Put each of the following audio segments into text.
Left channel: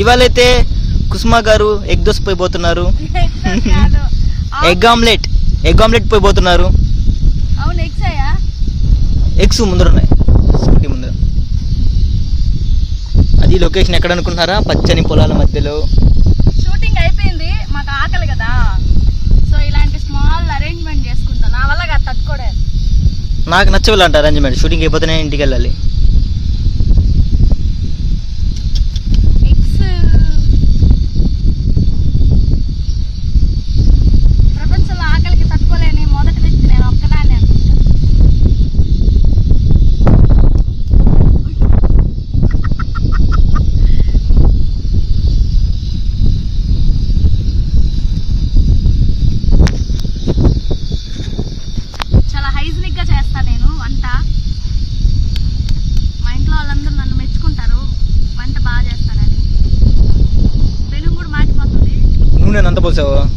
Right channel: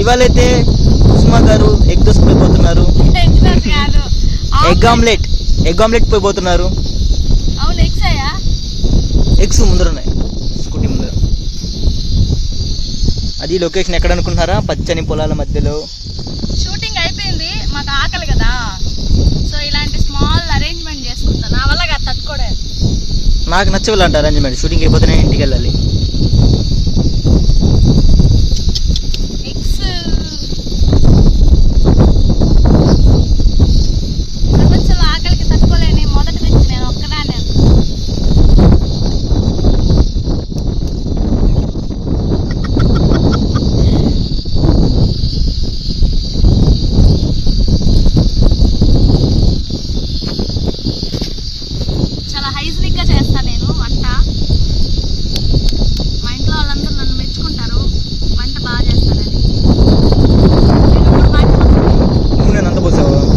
ఇవాళైతే కుసుమా గారు ఎగ్ దోశ పోయిపోతున్నారు. Egg omelette egg omelette పోయిపోతున్నారు. ఎగ్స్ ముందర ఉన్నాయి. స్కూటీ ముందర. అది లొకేషన్ ఎక్కడ అనుకుంటున్నారా? పచ్చని పొలాల మధ్యలో. షూటింగ్ అయిపోయింది. మాకు ఆకలి కదా. సో ఇలాంటి స్మాల్ అరేంజ్మెంట్ చేసుకుంటా. నా వల్ల తట్టుకోడే నాకు నచ్చవాలంట అరేంజ్మెంట్ షూటింగ్ అయిపోతేనే ఇంటికి వెళ్ళాలి. 不走了。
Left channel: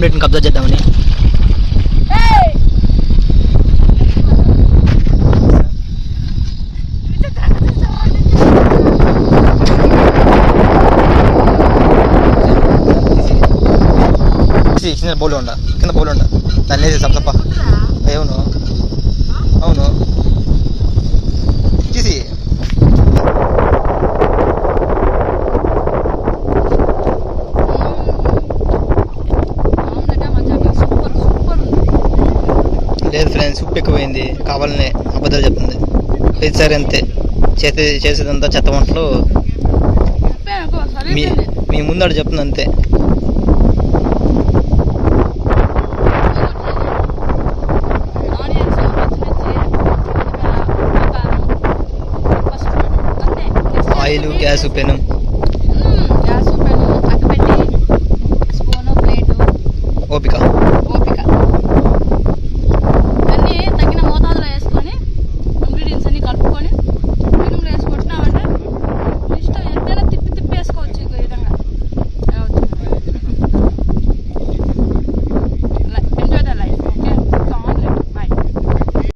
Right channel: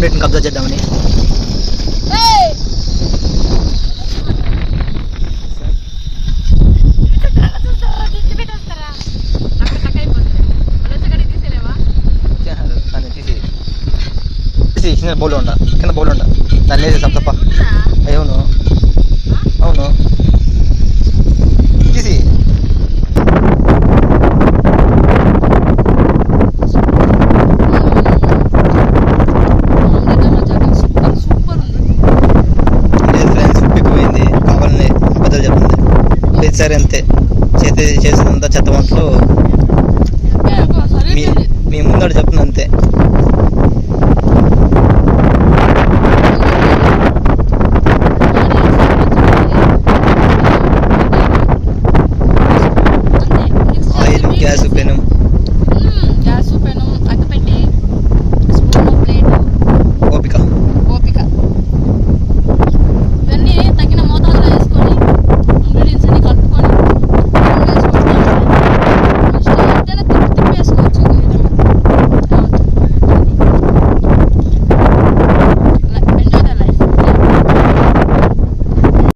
ఆమ్లెట్ని కబ్జా చేద్దామని. కింద బౌల్ ఉండ కింద బౌల్ ఉండ. దాన్ని వేసి సప్ప అవును. అవును. సరే అంతే. చేతి చేసేదంతా చెత్త వంటలు మీ మీ ముందాడు చెప్తుంది అంతే. ఆయిల్ గ్యాస్ పెనం. గ్యాస్ ఓపిక. ఓపిక.